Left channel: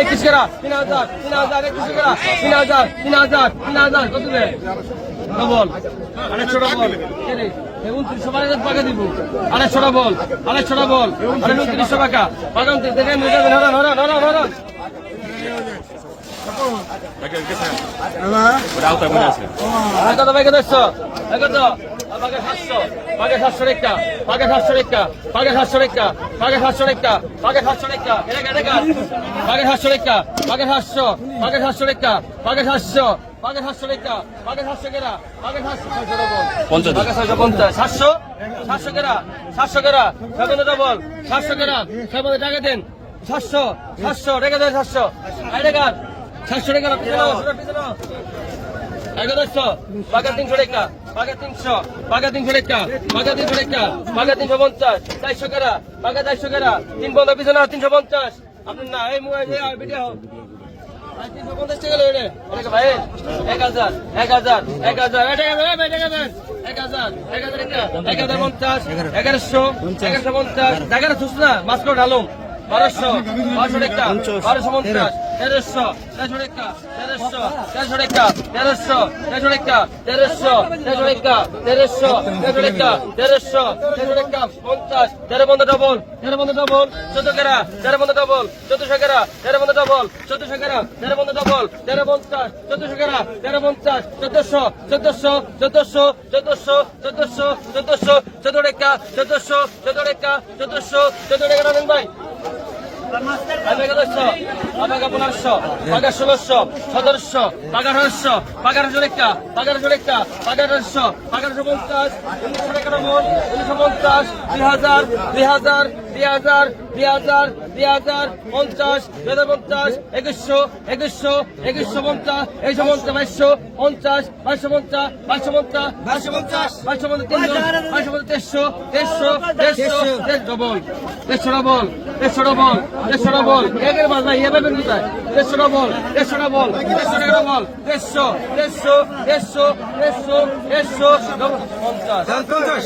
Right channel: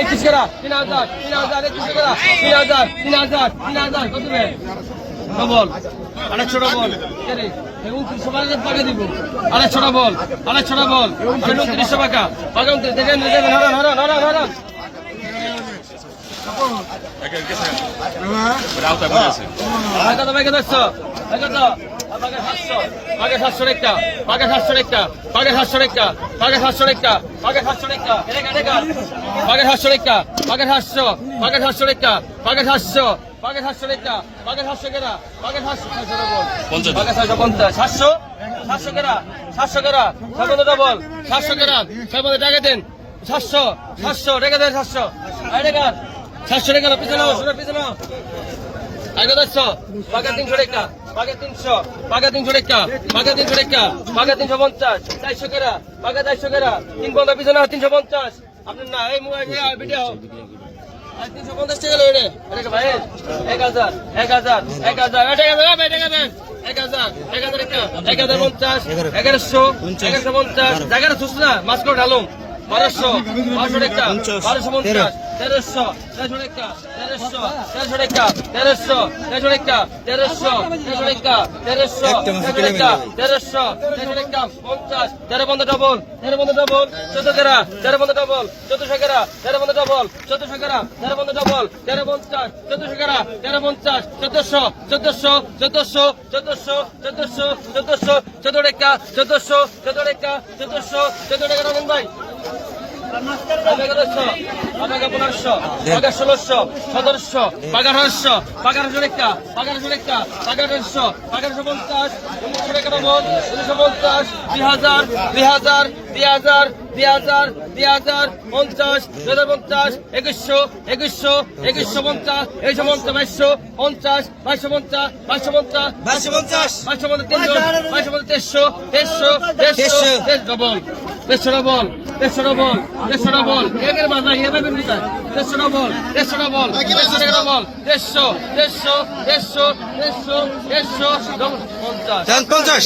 একত্রিশ কেরা তিন হাজার তিন হাজার একত্রিশ কেরা তিন হাজার তিন হাজার তিন হাজার কত ডবল আড়াইশো ডবল। উনত্রিশশো টাকা দিব। আড়াইশো ডবল আড়াইশো ডবল আড়াই উনত্রিশশো টাকা। পাকা উনত্রিশ দেখেন দেখেন হরণ হরণ হরণ হরণ কত ভাই কত পাগে সাতশো পাগে সাতশো একটা পাগে সাতশো একটা পাগে সাতশো একটা পাগে সাতশো একটা পাগে সাতশো একটা পাগে সাতশো একটা পাগে সাতশো পাগে সাতশো একটা পাগে সাতশো পাগে সাতশো একটা পাগে সাতশো কেরা পাগে সাতশো ছয়শো পাগে ছয়শো পঞ্চাশ সাতশো সাতশো কেরা রেখে দেন সাতশো আগে দেখছ বাঘের তিনশো রেখা পাকা পাকা তিনশো তিনশো পঞ্চাশ, চারশো কেরা পাকা তিন তিনশো পঞ্চাশ। না, এই এক হাজার এক হাজার এক হাজার। ঢালুম। বারোশো বারোশো একটা বারোশো পঞ্চাশ। তেরোশো তেরোশো টাকা তেরোশো তেরোশো টাকা তেরোশো তেরোশো টাকা তেরোশো তেরোশো টাকা তেরোশো তেরোশো টাকা তেরোশো তেরোশো টাকা পঞ্চাশ তেরো পনেরো ডবল তেরো পনেরো ডবল চোদ্দ কেরা তেরো পনেরো ডবল চোদ্দশো কেরা তেরো পনেরো ডবল চোদ্দশো কেরা তেরো পনেরো ডবল তেরো পঞ্চাশ চোদ্দশো কেরা তেরো পঞ্চাশ চোদ্দশো চোদ্দশো চোদ্দশো চোদ্দশো চোদ্দশো চোদ্দশো চোদ্দ টাকা চোদ্দশো চোদ্দ টাকা চোদ্দশো চোদ্দ টাকা রাখুন ভাই পনেরোশো পাগার ষোলোশো, সতেরোশো পাগার আঠারোশো পাগার হাজার একটা পাগার হাজার একটা পাগার আঠারোশো পাগার হাজার পঞ্চাশ, উনিশশো একানব্বই, উনিশশো পঞ্চাশ, দুই হাজার দুই হাজার দুই হাজার দুই হাজার দুই হাজার পঞ্চাশ দুই হাজার পঞ্চাশ একুশশো একুশশো একুশশো পঞ্চাশ একশো পঞ্চাশ বাইশশো পঞ্চাশ বাইশশো পঞ্চাশ বাইশশো পঞ্চাশ বাইশশো পঞ্চাশ বাইশশো পঞ্চাশ বাইশশো পঞ্চাশ তেইশশো তেইশশো তেইশশো ডবল তেইশশো ডবল তেইশশো ডবল তেইশশো ডবল একের বাজ ভাই এবার বের তেইশশো ডবল তেইশশো ডবল তেইশশো ডবল তেইশশো তেইশশো তেইশশো তেইশশো তেইশশো পঞ্চাশ পঞ্চাশ।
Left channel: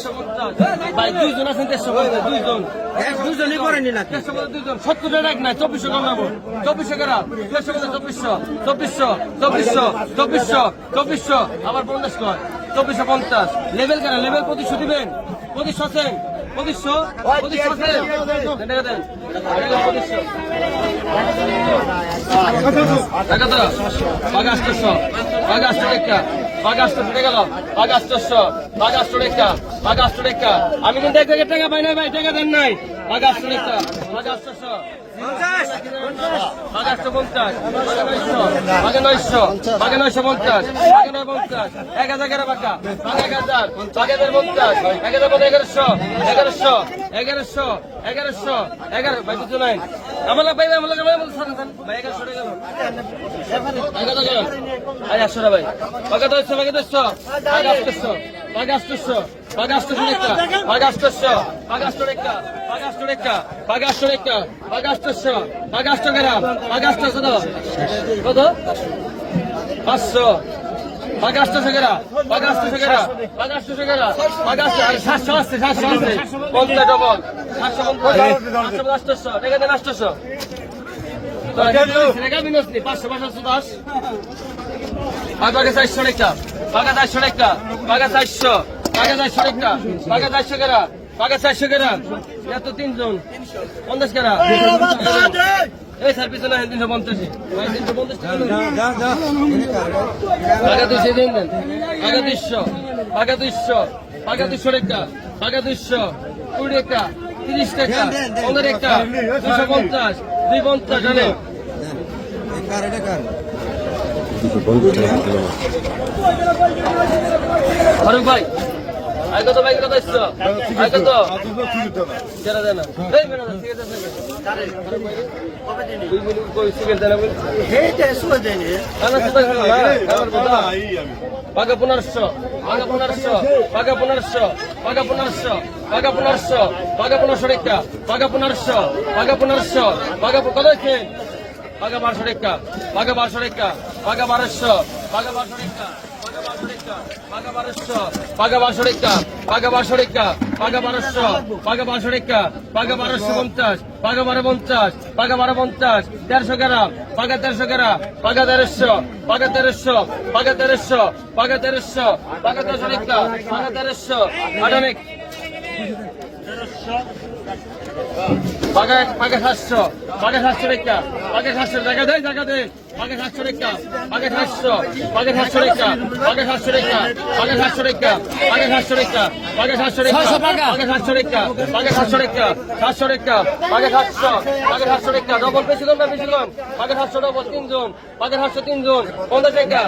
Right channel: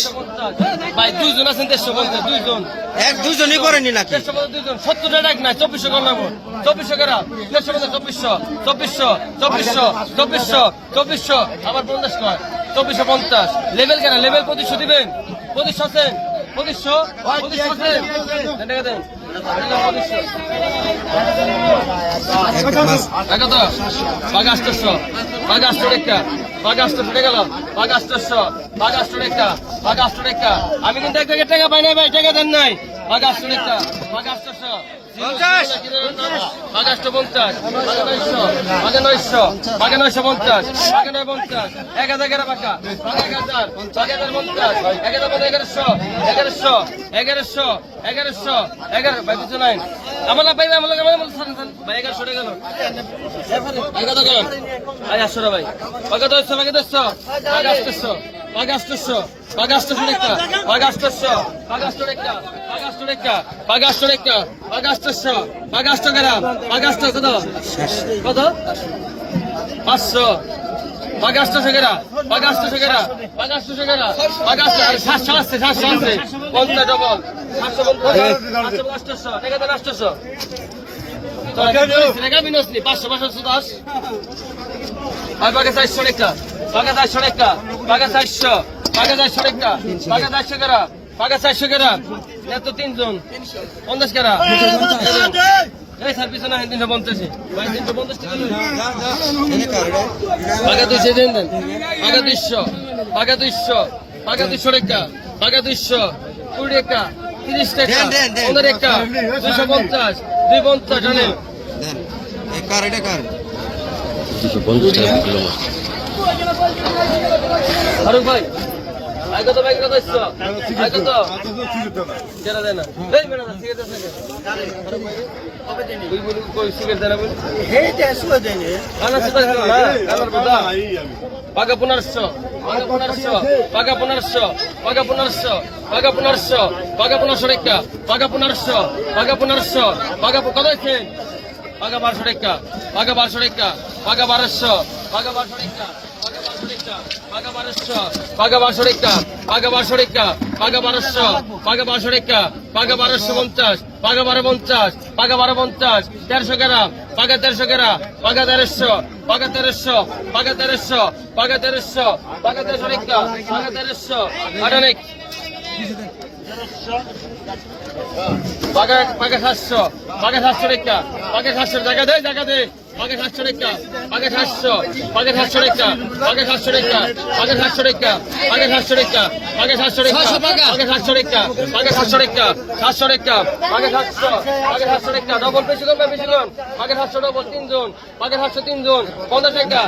ভাই দুইজন আছেন তেইশশো পঞ্চাশ দুইজন। এক দুজনই করেনি নাকি? মধ্যে সত্তরটা ডাক নাই, চব্বিশশো কমাবো চব্বিশশো গ্রাম চব্বিশশো চব্বিশশো চব্বিশশো চব্বিশশো চব্বিশশো। আবার পঞ্চাশ কর চব্বিশশো পঞ্চাশ। লেভেল কেন লেভেল পঁচিশশো দিবেন। পঁচিশ আছেন পঁচিশশো? টাকা তো বাগাস তো বাগাস তো একটা। বাগাস তো ফুটে গেল বাগাস বাগাস্টোর একটা বাগাস্টোর একটা আমি কিন্তু এক জায়গায় টাকা পাই নাই ভাই টাকা দেন নাই বাগাস্টোর একটা বাগাস্টোর এক হাজার এগারো পাকা এক হাজার এক হাজার পঞ্চাশ এক হাজার এগারোশো এগারোশো এগারোশো এগারোশো এগারো ভাই কিছু নাই আমার ভাই আমার আমার মতো সারেন ভাই এগারোশো গেল এগারো গেল ভাই আসো ভাই ভাগে দশশো ভাগে দশশো ভাগে আসতেশো পাগাস্তস্য পাগাস্তনেক্তা পাগাস্তস্য পাগাস্তনেক্তা পাগাস্তনেক্তা পাগাস্তনেক্তা পাগাস্তস্য পাগাস্তনেরা পাগাস্তসদ কত? পাঁচশো পাগাস্ত শেখেরা পাগাস্ত শেখেরা পাগাস্ত শেখেরা পাগাস্ত আর সাতশো আসছে সাতশো আসছে পঞ্চাশ ডবল সাতশো পঞ্চাশ আষ্টশো রেখাতে আষ্টশো আর বাঘা চারশো একটা বাঘা চারশো একটা বাঘা চারশো। বাঘা চারশো একটা বাঘা চারশো কেরা? বাঘা চারশো কেরা? না তো তিনজন। পঞ্চাশ কেরা? এই স্যার পিছনে আহেন তিনশো পঞ্চাশে। দুইশো দেন দুইশো। একটা বাঘা দুইশো কুড়ি একটা। তিরিশ টাকা পনেরো একটা। দুশো পঞ্চাশ। দুই পঞ্চাশ। দুশো পঞ্চাশ টাকা কিলো মাছ ফারুক ভাই আয় কত, ভাই কত এসছো? আয় কত? জানা জানা এই মেনা ঠিক আছে কবে দেনি ওই বলি কই সিগারেট দেনা বলি হেই তে সুয়ে দেনি আমার সুতা হলো না আমার বদা পাগা পুনর্ষ পাগা পুনর্ষ পাগা পুনর্ষ পাগা পুনর্ষ পাগা পুনর্ষ পাগা পুনর্ষ রেখা পাগা পুনর্ষ পাগা পুনর্ষ পাগা কত এসেছে বাঘা বারোশো টাকা, বাঘা বারোশো টাকা, বাঘা বারোশো বাঘা বারোশো টাকা পাগা বারোশো টাকা পাগা বারোশো টাকা পাগা বারোশো পাগা বারোশো টাকা পাগা বারোশো পঞ্চাশ পাগা বারো পঞ্চাশ পাগা বারো পঞ্চাশ, দেড়শো গ্রাম পাগা দেড়শো গ্রাম পাগা দেড়শো পাগা তেরোশো পাগা তেরোশো পাগা তেরোশো পাগা তেরোশো টাকা পাগা তেরোশো আটানিক। পাকা পাকা সাতশো পাকা সাতশো রেখা পাকা সাতশো টাকা দে টাকা দে পাকা সাতশো রেখা পাকা সাতশো পাকা সাতশো রেখা পাকা সাতশো রেখা পাকা সাতশো রেখা পাকা সাতশো রেখা পাকা সাতশো রেখা পাকা সাতশো রেখা পাকা সাতশো রেখা সাতশো রেখা পাকা সাতশো পাকা সাতশো রেখা ডবল বেশি পাকা সাতশো ডবল তিনজন পাকা সাতশো তিনজন পঞ্চাশ রেখা